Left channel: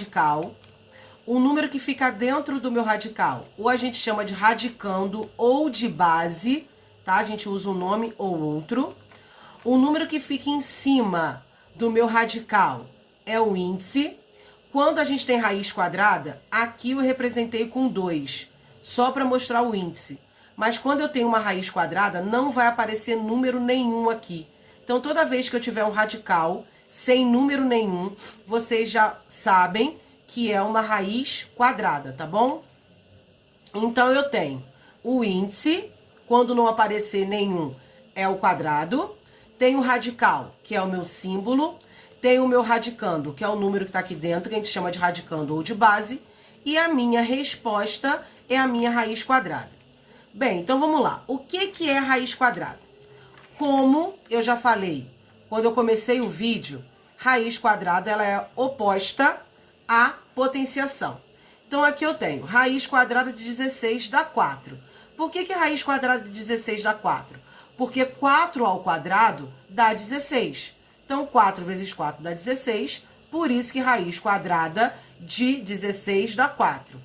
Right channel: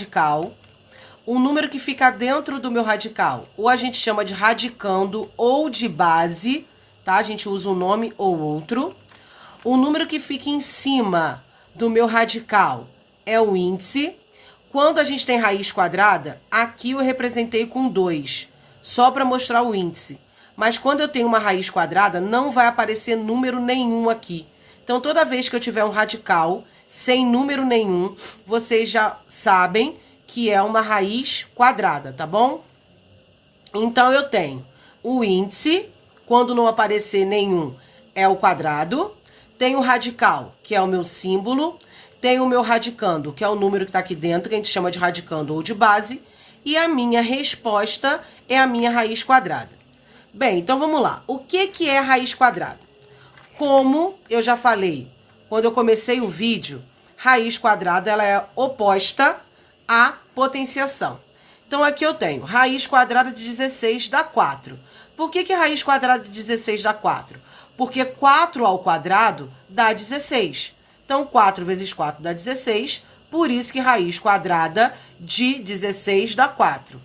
radical, o número que fica dentro do meu radical, ou a gente chama de radicando ou de base, tá? A gente usa um nome ou outro. O número que fica em cima do meu radical é o índice. Quando a gente tem raiz quadrada, aqui eu representei com 2, só para mostrar o índice. Mas quando eu tenho uma raiz quadrada, não vai aparecer número nenhum aqui. Então, toda vez que eu tiver um radical sem número nenhum, vocês já sabem que é uma raiz quadrada, tá bom? Então, eu tenho o índice, quando não aparecer nenhum, é o quadrado. Tenho o radical, que é o meu símbolo. Tenho o meu radicando, que é o número que está aqui dentro, que a gente chama de radicando ou de base. E a minha resposta é a minha raiz quadrada. Bem, então vamos lá. O que é raiz quadrada? Como eu já falei quando eu comecei o vídeo, raiz quadrada ela é oposta à potenciação. Então, aqui eu tenho raiz quadrada de 16 dá 4. Por que raiz quadrada de 16 dá 4? Porque 4 ao quadrado dá 16. Então, 4 vezes 4 dá 16, por isso que raiz quadrada de 16 dá 4.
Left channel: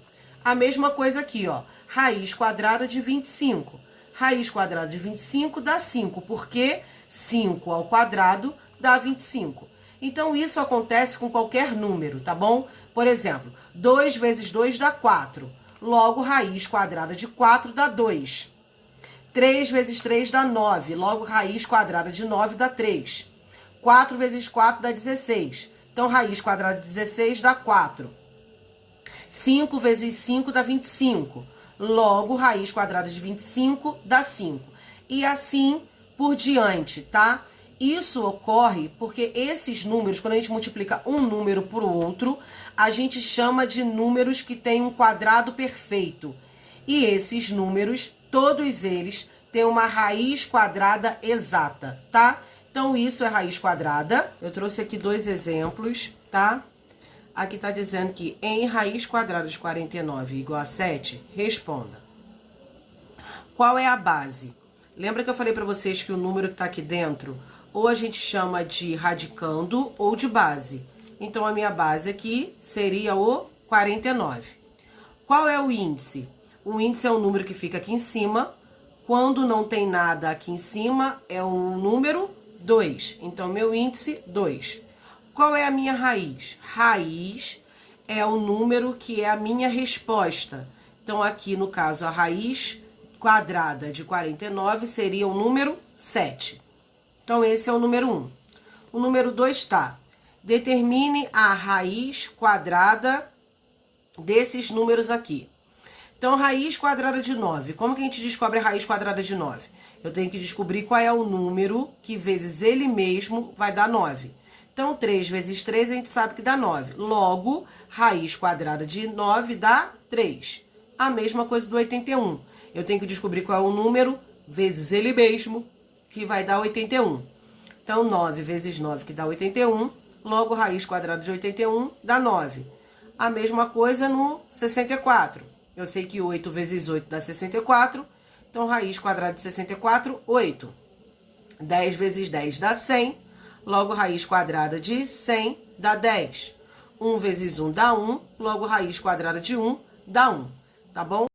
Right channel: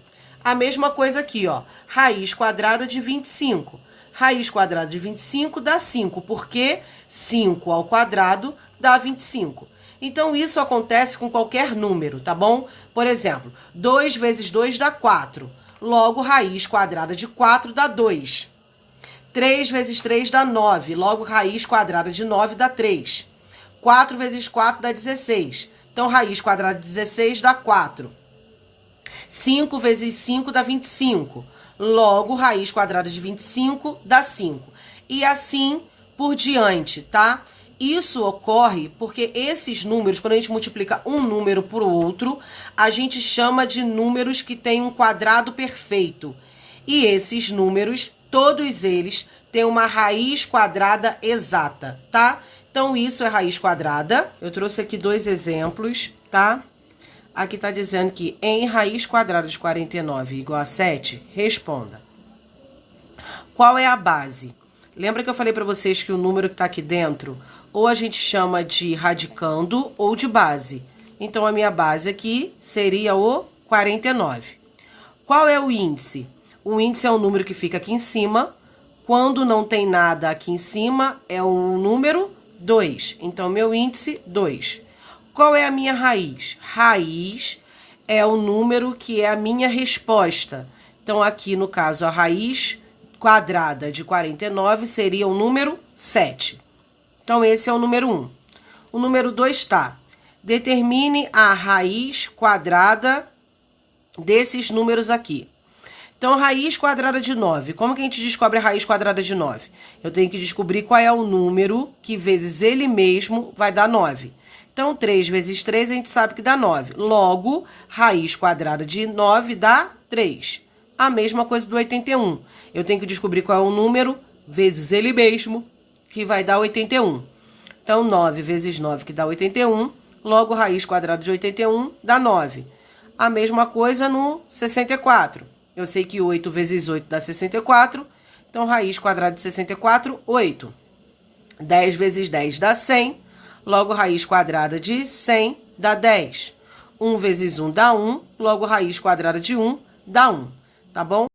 A mesma coisa aqui, ó, raiz quadrada de 25. Raiz quadrada de 25 dá 5, porque 5 ao quadrado dá 25. Então, isso acontece com qualquer número, tá bom? Por exemplo, 2 vezes 2 dá 4. Logo, raiz quadrada de 4 dá 2. 3 vezes 3 dá 9. Logo, raiz quadrada de 9 dá 3. 4 vezes 4 dá 16. Então, raiz quadrada de 16 dá 4. 5 vezes 5 dá 25. Logo, raiz quadrada de 25 dá 5. E assim por diante, tá? Isso ocorre porque esses números, quando a gente multiplica um número por outro, a gente chama de números que têm um quadrado perfeito. E esses números, todos eles, têm uma raiz quadrada exata, tá? Então, isso é raiz quadrada. Eu trouxe aqui 2 exemplos, tá? Aqui está dizendo que em raiz quadrada de 49 igual a 7, responda. Qual é a base? Lembra que eu falei para vocês que o número que está aqui dentro, ou a gente chama de radicando ou de base. Então, a minha base aqui seria o 49. Qual é o índice? O índice é o número que fica aqui em cima. Quando não tem nada aqui em cima, é o número 2. Então, meu índice, 2. Qual é a minha raiz? Raiz é o número que é a minha resposta. Então, aqui no caso, a raiz quadrada de 49 seria o número 7. Então, esse é o número 1. O número 2 está. Determine a raiz quadrada desses números aqui. Então, raiz quadrada de 9. Como que a gente descobre a raiz quadrada de 9? Eu tenho que descobrir qual é o número que vezes ele mesmo vai dar 9. Então, 3 vezes 3 a gente sabe que dá 9. Logo, raiz quadrada de 9 dá 3. A mesma coisa do 81. Eu tenho que descobrir qual é o número vezes ele mesmo, que vai dar 81. Então, 9 vezes 9, que dá 81. Logo, raiz quadrada de 81 dá 9. A mesma coisa no 64. Eu sei que 8 vezes 8 dá 64. Então, raiz quadrada de 64, 8. 10 vezes 10 dá 100. Logo, raiz quadrada de 100 dá 10. 1 vezes 1 dá 1. Logo, raiz quadrada de 1 dá 1. Tá bom?